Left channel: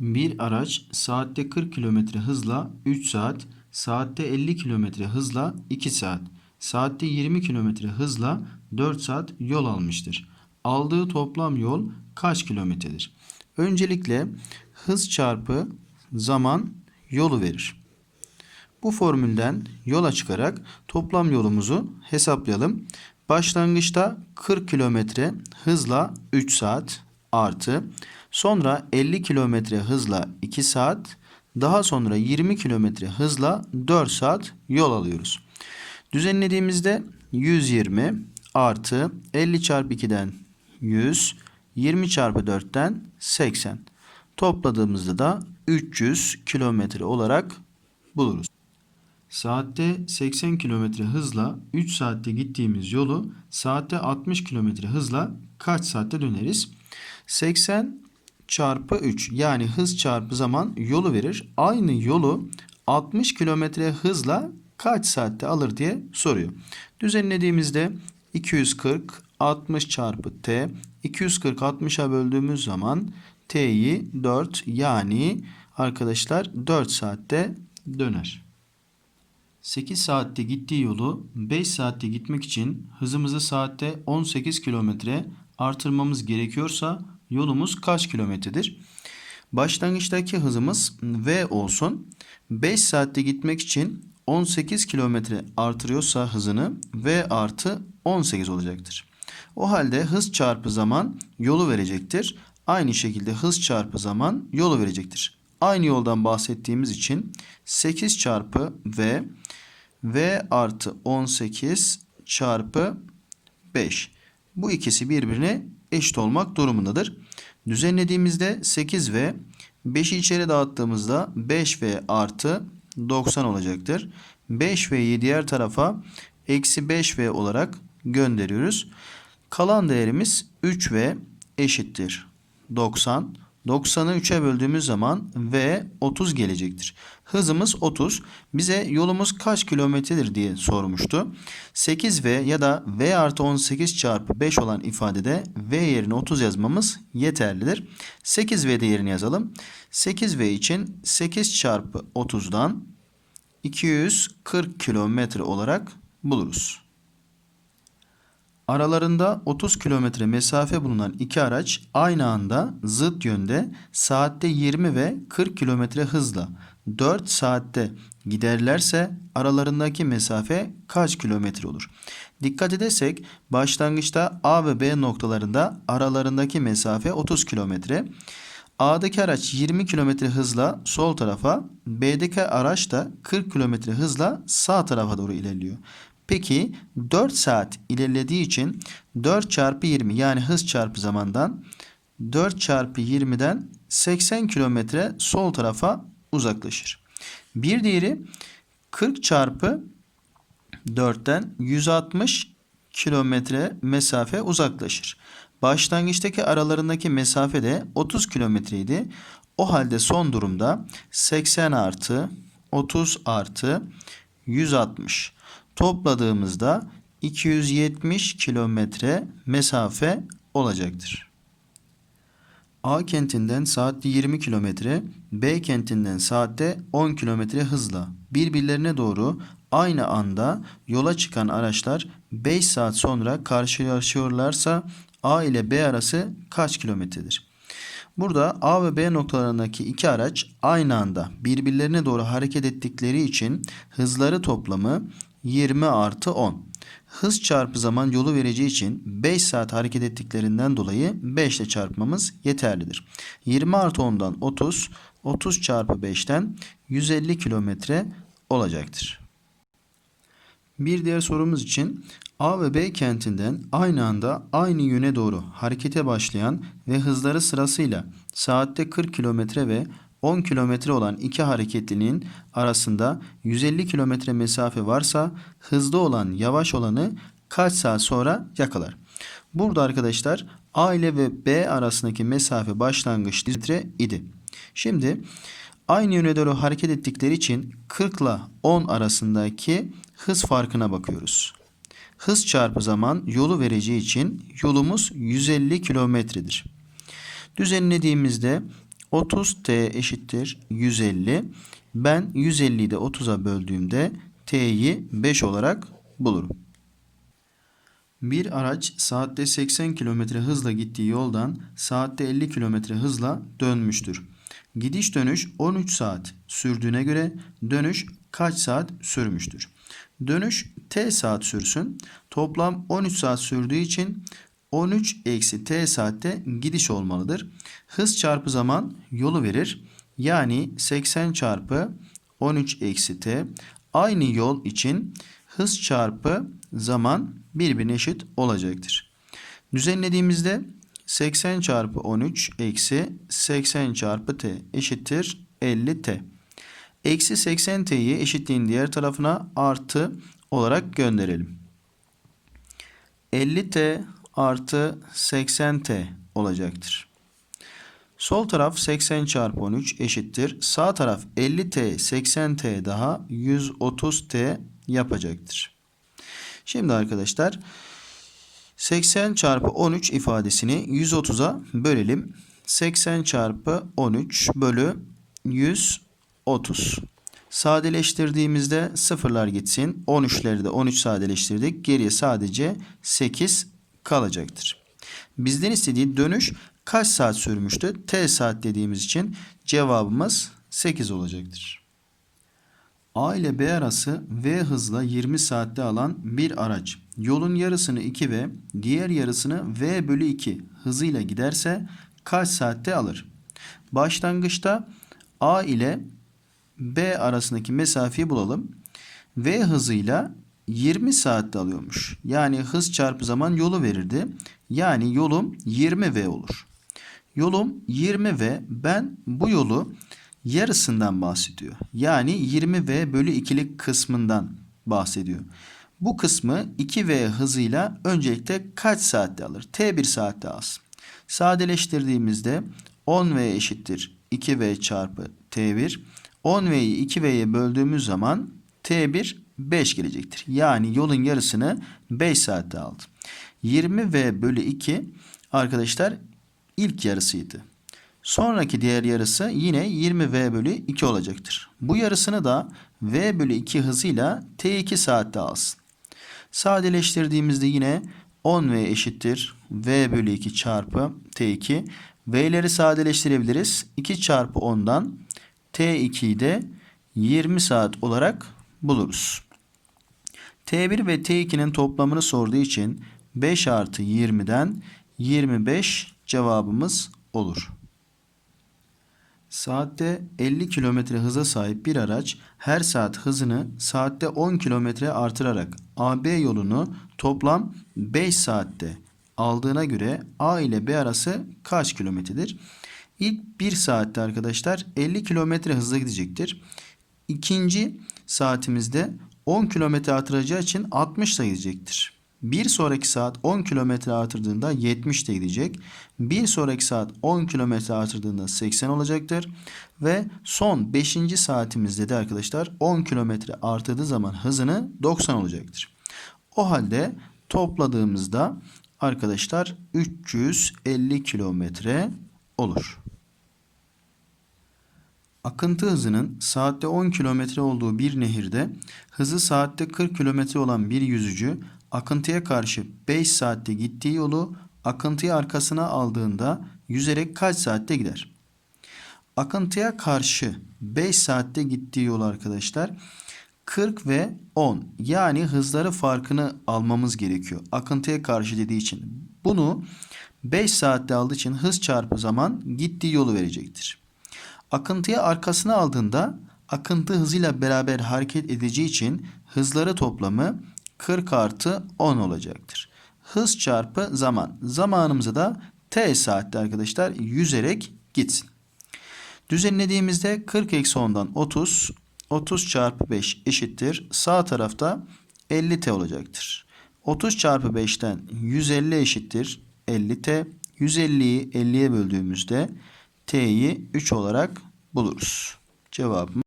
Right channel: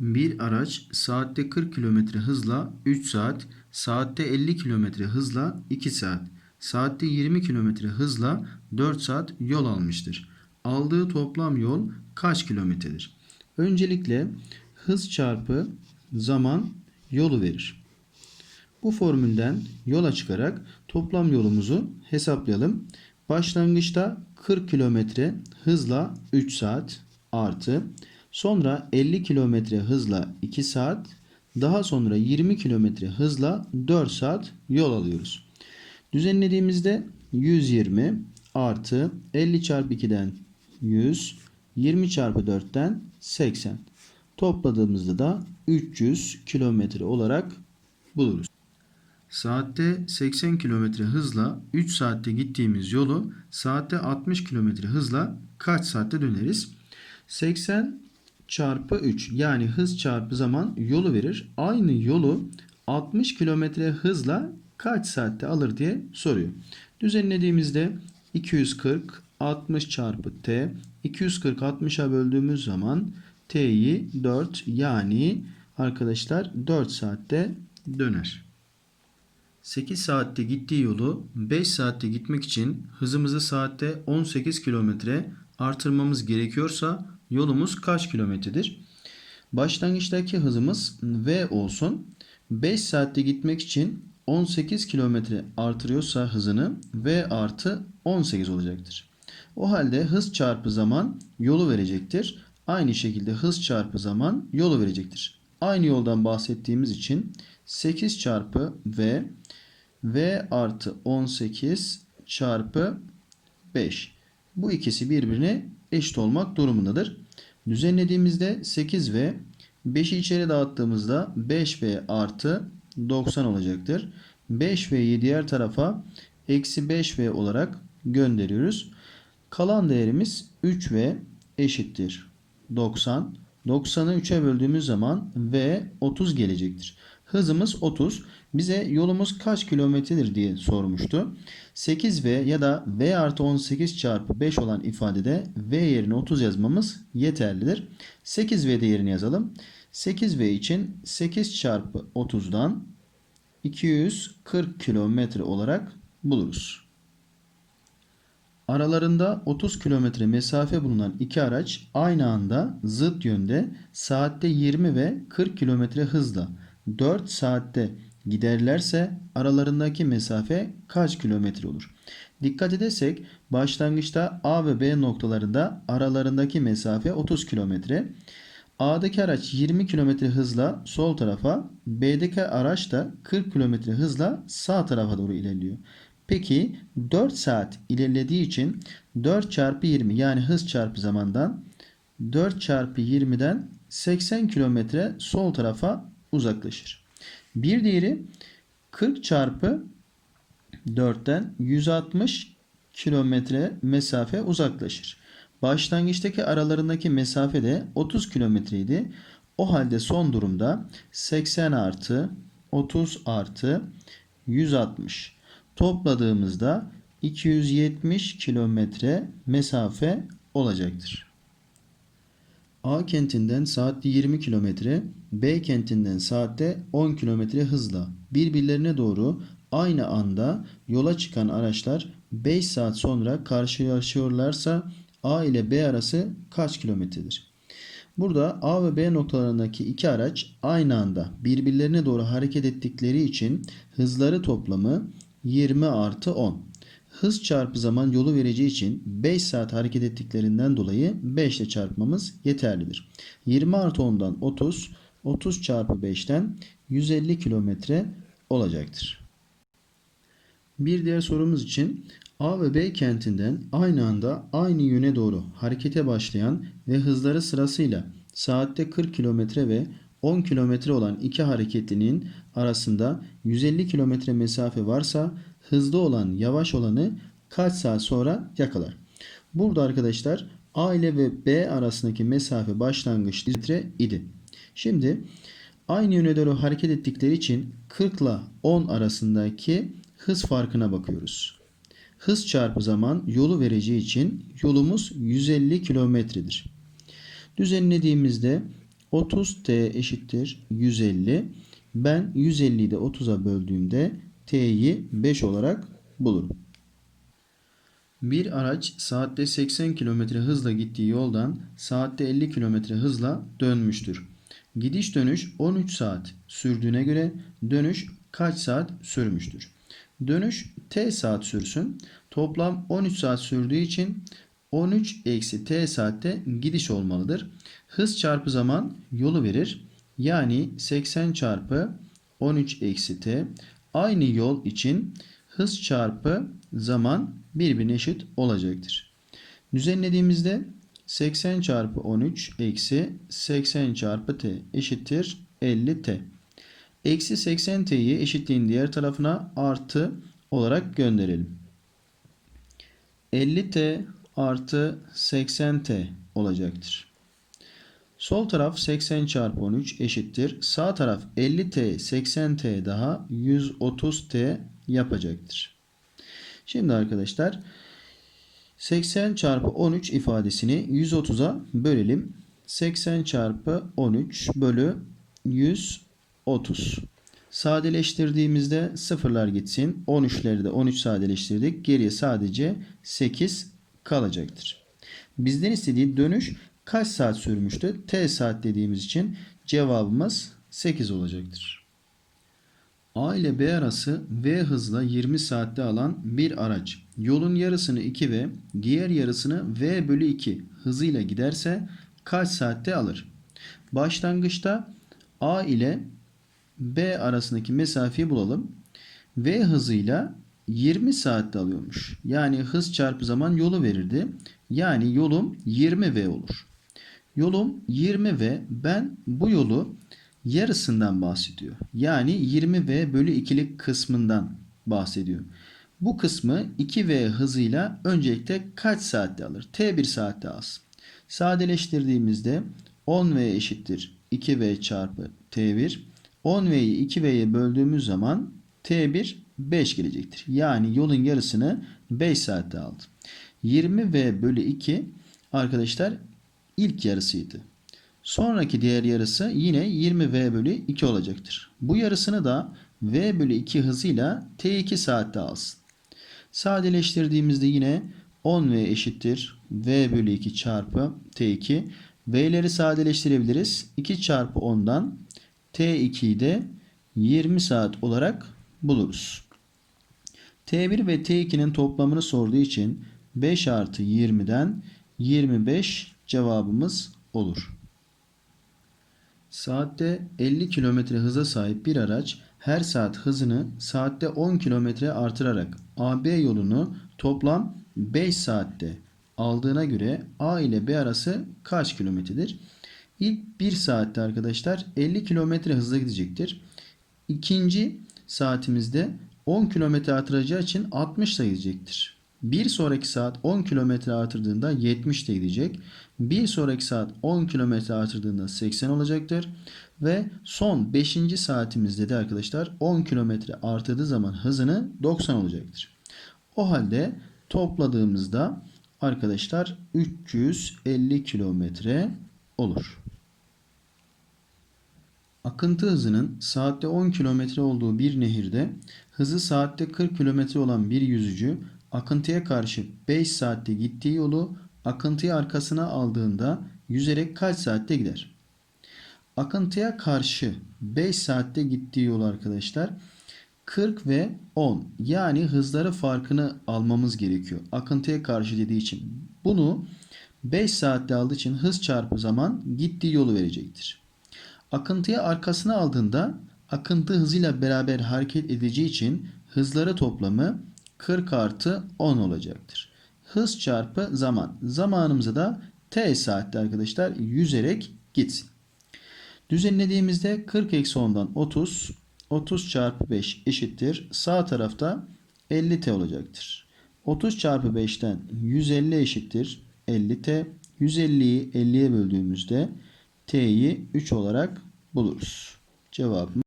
Bir araç saatte 40 km hızla 3 saat, saatte 50 km hızla 2 saat, saatte 20 km hızla 4 saat yol almıştır. Aldığı toplam yol kaç kilometredir? Öncelikle hız çarpı zaman yolu verir. Bu formülden yola çıkarak toplam yolumuzu hesaplayalım. Başlangıçta 40 kilometre hızla 3 saat artı sonra 50 kilometre hızla 2 saat daha sonra 20 kilometre hızla 4 saat yol alıyoruz. Düzenlediğimizde 120 artı 50 çarpı 2'den 100 20 çarpı 4'ten 80 topladığımızda da 300 kilometre olarak buluruz. Saatte 80 km hızla 3 saatte gittiğimiz yolu saatte 60 km hızla kaç saatte döneriz? 80 çarpı 3 yani hız çarpı zaman yolu verir. Aynı yolu 60 km hızla kaç saatte alır diye soruyor. Düzenlediğimizde 240 60 çarpı t 240 60'a böldüğümüz zaman t'yi 4 yani arkadaşlar 4 saatte döner. 8 saatte gittiği yolu 5 saatte gitmek için hızımızı saatte 18 kilometre artırmamız gerekiyorsa yolumuz kaç kilometredir? Başlangıçtaki hızımız V olsun. 5 saatte gitmek için 18 kilometre artırıyorsa hızını V artı 18 olacaktır. O halde hız çarpı zaman yolu verecektir. Aynı şekilde hız çarpı zaman yolu verecektir. Aynı yoldan bahsettiğimiz için 8 çarpı V V artı 18 çarpı 5. Bu ikisi birbirine eşit olmak durumundadır. Düzenlediğimizde 8V 5'i içeri dağıttığımızda 5V artı 90 olacaktır. 5V'yi diğer tarafa eksi 5V olarak gönderiyoruz. Kalan değerimiz 3V eşittir 90. 90'ı 3'e böldüğümüz zaman V 30 gelecektir. Hızımız 30. Bize yolumuz kaç kilometredir diye sormuştu. 8V ya da V artı 18 çarpı 5 olan ifadede V yerine 30 yazmamız yeterlidir. 8V değerini yazalım. 8V için 8 çarpı 30'dan 240 kilometre olarak buluruz. Aralarında 30 kilometre mesafe bulunan iki araç aynı anda zıt yönde saatte 20 ve 40 kilometre hızla 4 saatte giderlerse aralarındaki mesafe kaç kilometre olur? Dikkat edersek başlangıçta A ve B noktalarında aralarındaki mesafe 30 kilometre. A'daki araç 20 kilometre hızla sol tarafa, B'deki araç da 40 kilometre hızla sağ tarafa doğru ilerliyor. Peki 4 saat ilerlediği için 4 çarpı 20 yani hız çarpı zamandan 4 çarpı 20'den 80 kilometre sol tarafa uzaklaşır. Bir diğeri 40 çarpı 4'ten 160 kilometre mesafe uzaklaşır. Başlangıçtaki aralarındaki mesafe de 30 kilometreydi. O halde son durumda 80 artı 30 artı 160 topladığımızda 270 kilometre mesafe olacaktır. A kentinden saatte 20 kilometre, B kentinden saatte 10 kilometre hızla birbirlerine doğru aynı anda yola çıkan araçlar 5 saat sonra karşılaşıyorlarsa A ile B arası kaç kilometredir? Burada A ve B noktalarındaki iki araç aynı anda birbirlerine doğru hareket ettikleri için hızları toplamı 20 artı 10. Hız çarpı zaman yolu vereceği için 5 saat hareket ettiklerinden dolayı 5 ile çarpmamız yeterlidir. 20 artı 10'dan 30, 30 çarpı 5'ten 150 kilometre olacaktır. Bir diğer sorumuz için A ve B kentinden aynı anda aynı yöne doğru harekete başlayan ve hızları sırasıyla saatte 40 kilometre ve 10 kilometre olan iki hareketlinin arasında 150 kilometre mesafe varsa hızlı olan yavaş olanı kaç saat sonra yakalar? Burada arkadaşlar A ile ve B arasındaki mesafe başlangıç litre idi. Şimdi aynı yöne doğru hareket ettikleri için 40 ile 10 arasındaki hız farkına bakıyoruz. Hız çarpı zaman yolu vereceği için yolumuz 150 kilometredir. Düzenlediğimizde 30t eşittir 150. Ben 150'yi de 30'a böldüğümde t'yi 5 olarak bulurum. Bir araç saatte 80 km hızla gittiği yoldan saatte 50 km hızla dönmüştür. Gidiş dönüş 13 saat sürdüğüne göre dönüş kaç saat sürmüştür? Dönüş t saat sürsün. Toplam 13 saat sürdüğü için 13 eksi t saatte gidiş olmalıdır. Hız çarpı zaman yolu verir. Yani 80 çarpı 13 eksi t aynı yol için hız çarpı zaman birbirine eşit olacaktır. Düzenlediğimizde 80 çarpı 13 eksi 80 çarpı t eşittir 50t. Eksi 80t'yi eşitliğin diğer tarafına artı olarak gönderelim. 50t artı 80t olacaktır. Sol taraf 80 çarpı 13 eşittir. Sağ taraf 50t 80t daha 130t yapacaktır. Şimdi arkadaşlar 80 çarpı 13 ifadesini 130'a bölelim. 80 çarpı 13 bölü 130. Sadeleştirdiğimizde sıfırlar gitsin. 13'leri de 13 sadeleştirdik. Geriye sadece 8 kalacaktır. Bizden istediği dönüş kaç saat sürmüştü? T saat dediğimiz için cevabımız 8 olacaktır. A ile B arası V hızla 20 saatte alan bir araç yolun yarısını 2 ve diğer yarısını V bölü 2 hızıyla giderse kaç saatte alır? Başlangıçta A ile B arasındaki mesafeyi bulalım. V hızıyla 20 saatte alıyormuş. Yani hız çarpı zaman yolu verirdi. Yani yolum 20V olur. Yolum 20V ben bu yolu yarısından bahsediyor. Yani 20V bölü 2'lik kısmından bahsediyor. Bu kısmı 2V hızıyla öncelikle kaç saatte alır? T1 saatte alsın. Sadeleştirdiğimizde 10V eşittir 2V çarpı T1. 10V'yi 2V'ye böldüğümüz zaman T1 5 gelecektir. Yani yolun yarısını 5 saatte aldı. 20V bölü 2 arkadaşlar ilk yarısıydı. Sonraki diğer yarısı yine 20V bölü 2 olacaktır. Bu yarısını da V bölü 2 hızıyla T2 saatte alsın. Sadeleştirdiğimizde yine 10V eşittir V bölü 2 çarpı T2. V'leri sadeleştirebiliriz. 2 çarpı 10'dan T2'yi de 20 saat olarak buluruz. T1 ve T2'nin toplamını sorduğu için 5 artı 20'den 25 cevabımız olur. Saatte 50 km hıza sahip bir araç her saat hızını saatte 10 km artırarak AB yolunu toplam 5 saatte aldığına göre A ile B arası kaç kilometredir? İlk 1 saatte arkadaşlar 50 km hızla gidecektir. İkinci saatimizde 10 km artıracağı için 60 ile gidecektir. Bir sonraki saat 10 km artırdığında 70 ile gidecek. Bir sonraki saat 10 km artırdığında 80 olacaktır. Ve son 5. saatimizde de arkadaşlar 10 km artırdığı zaman hızını 90 olacaktır. O halde topladığımızda arkadaşlar 350 kilometre olur. Akıntı hızının saatte 10 km olduğu bir nehirde hızı saatte 40 km olan bir yüzücü akıntıya karşı 5 saatte gittiği yolu akıntıyı arkasına aldığında yüzerek kaç saatte gider? Akıntıya karşı 5 saatte gittiği yol arkadaşlar 40 ve 10 yani hızları farkını almamız gerekiyor. Akıntıya karşı dediği için bunu 5 saatte aldığı için hız çarpı zaman gittiği yolu verecektir. Akıntıyı arkasına aldığında akıntı hızıyla beraber hareket edeceği için hızları toplamı 40 artı 10 olacaktır. Hız çarpı zaman. Zamanımızı da t saatte arkadaşlar yüzerek gitsin. Düzenlediğimizde 40 eksi 10'dan 30. 30 çarpı 5 eşittir. Sağ tarafta 50t olacaktır. 30 çarpı 5'ten 150 eşittir. 50t. 150'yi 50'ye böldüğümüzde t'yi 3 olarak buluruz. Cevabımız